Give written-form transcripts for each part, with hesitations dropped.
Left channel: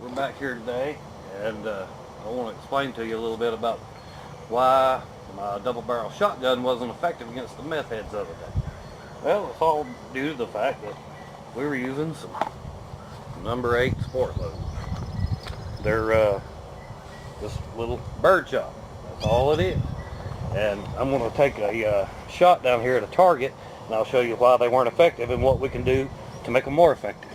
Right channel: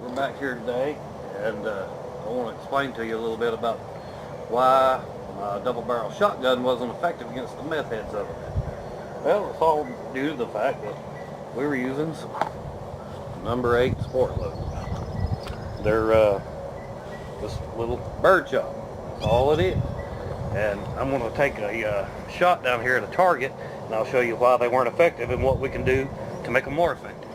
We're back here today, and I want to explain to you a little bit about why my double barrel shotgun wasn't effective against the meth heads the other day. Well, it's all due to the fact that we were using some number 8 sport loads. They're just little bird shot. That's all it is. And I'm going to take a shot down here at a target, and I'll show you why they weren't effective and what we can do to make them more effective.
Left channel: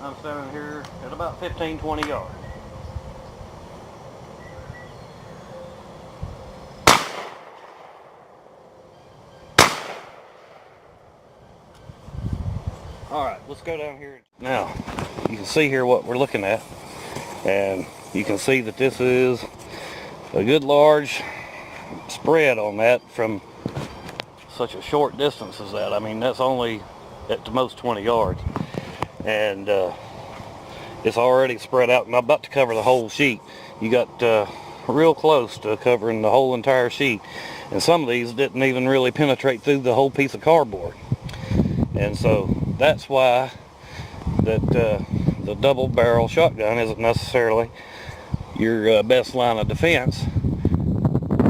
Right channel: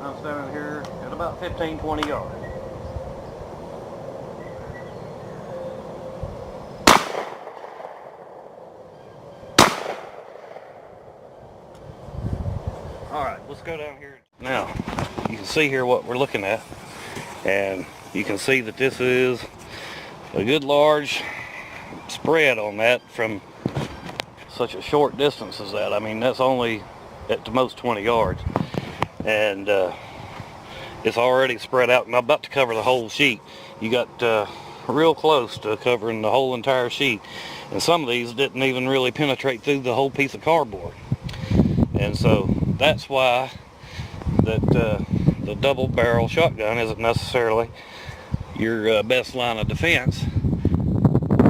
I'm standing here at about 15-20 yards. Alright, let's go down here. Now, you can see here what we're looking at, and you can see that this is a good large spread on that from such a short distance as that. I mean, that's only at the most 20 yards. And it's already spread out and I'm about to cover the whole sheet. You got real close to covering the whole entire sheet, and some of these didn't even really penetrate through the whole piece of cardboard. And so that's why that the double barrel shotgun isn't necessarily your best line of defense,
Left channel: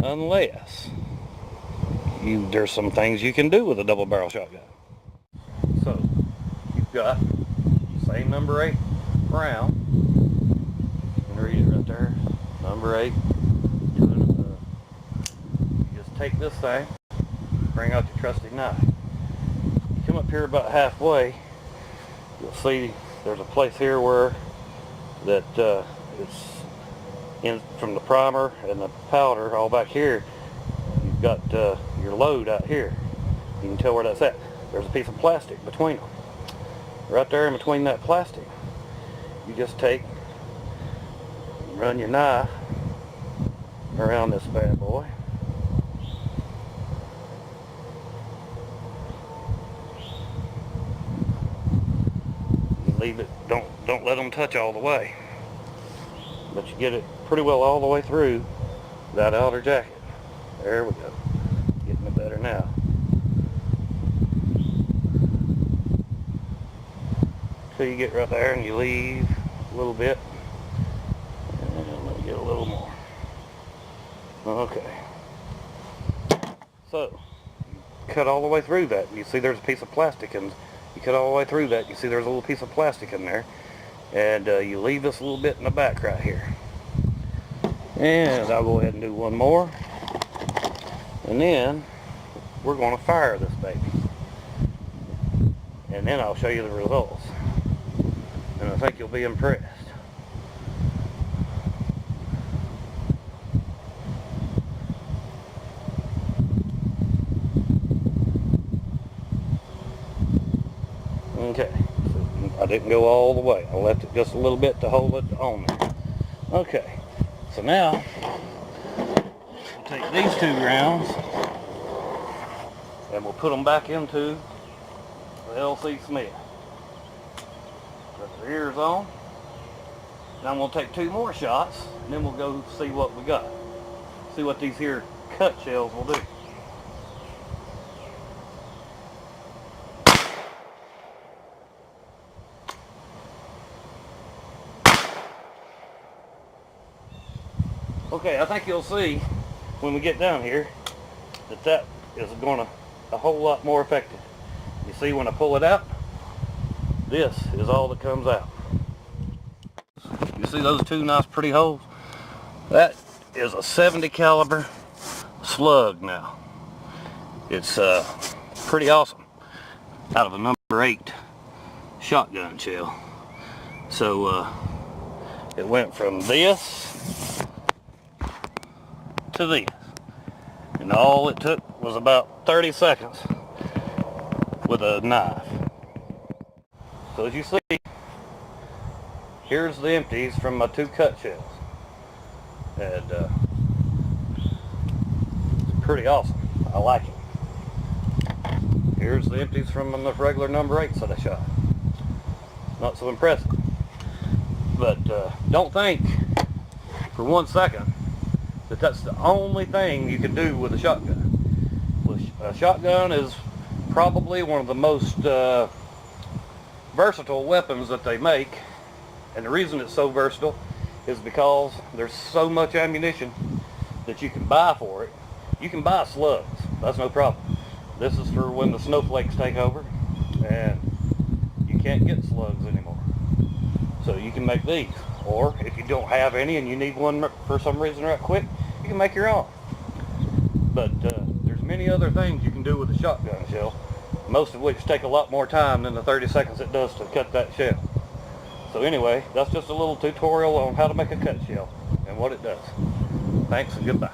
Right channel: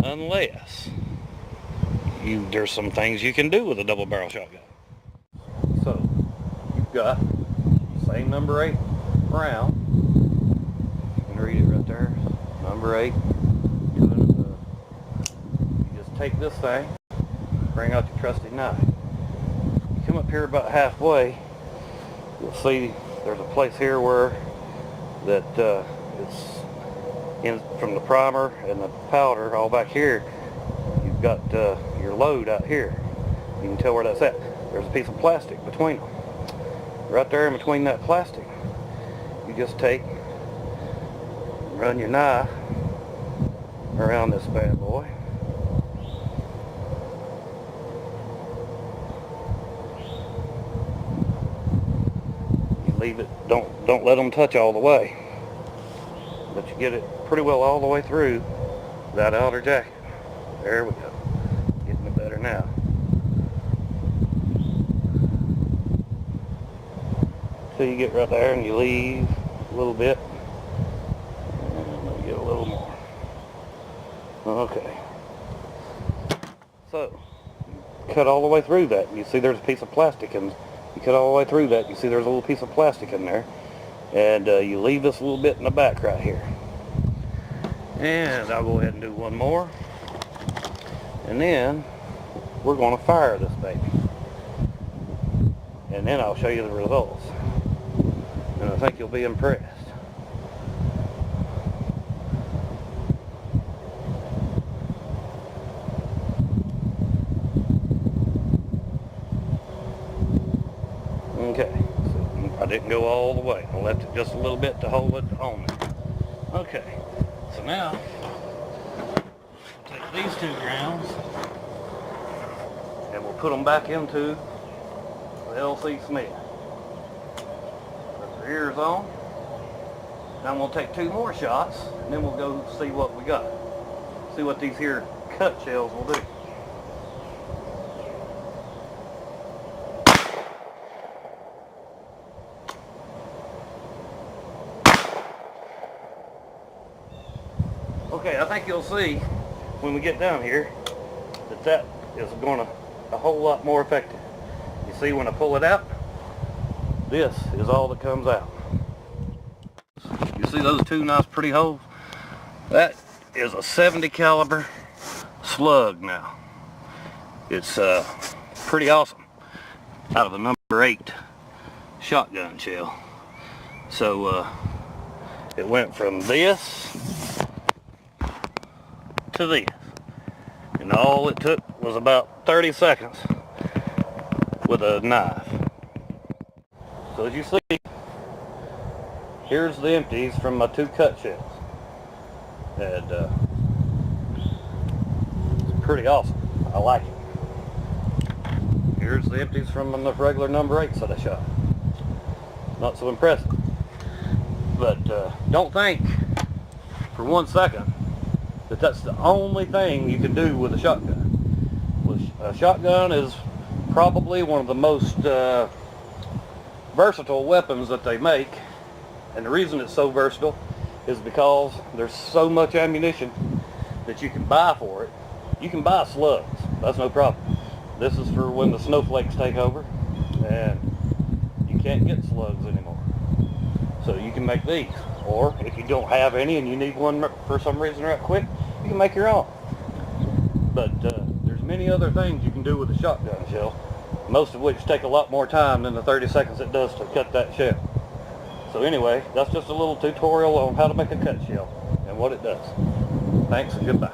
unless there's some things you can do with a double barrel shotgun. So you've got same number 8 round. You can read it right there. Number 8. You just take this thing, bring out your trusty knife. You come up here about halfway, you'll see there's a place here where that it's in from the primer and the powder all back here. You've got your load out here. You can tell where that's at. There's a piece of plastic between them. Right there in between that plastic, you just take, run your knife around this bad boy. You leave it, don't let them touch all the way, but you get it pretty well all the way through that outer jacket. There we go. Getting it better now. So you get right there and you leave a little bit, and let me get a little more. Okay. So you cut all the way through that, and you see there's a piece of plastic, and you cut all the way through that, you see there's a little piece of plastic in there, and you leave this little bit in the back right here. And I'll go ahead and do one more, and then we're going to fire this baby, and then I'll show you the results. And I think you'll be impressed. Okay, so I didn't go all the way. I left it just a little bit to hold it on there. Okay, so now we'll take these 2 rounds and we'll put them back into the L.C. Smith. Ears on. Now I'm going to take 2 more shots, and then we'll go see what we got. See what these here cut shells will do. Okay, I think you'll see when we get down here that is going to a whole lot more effective. You see when I pull it out, this is all that comes out. You see those 2 nice pretty holes? That is a 70 caliber slug now. It's pretty awesome. Out of a number 8 shotgun shell. So it went from this to this. And all it took was about 30 seconds with a knife. So as you see, here's the empties from my 2 cut shells, and it's pretty awesome. I like it. Here's the empties from the regular number 8s that I shot. Not so impressive, but don't think for 1 second that that's the only thing you can do with a shotgun. A shotgun is probably one of the most versatile weapons that they make. And the reason it's so versatile is because there's so much ammunition that you can buy for it. You can buy slugs, that's no problem. This is for when the snowflakes take over and you can't get slugs anymore. So you can make these. Or if you don't have any and you need one for some reason right quick, you can make your own. But there's many other things you can do with a shotgun shell, most of which take a lot more time than the 30 seconds it does to cut that shell. So anyway, that's just a little tutorial on how to make a cut shell and what it does. Thanks and goodbye.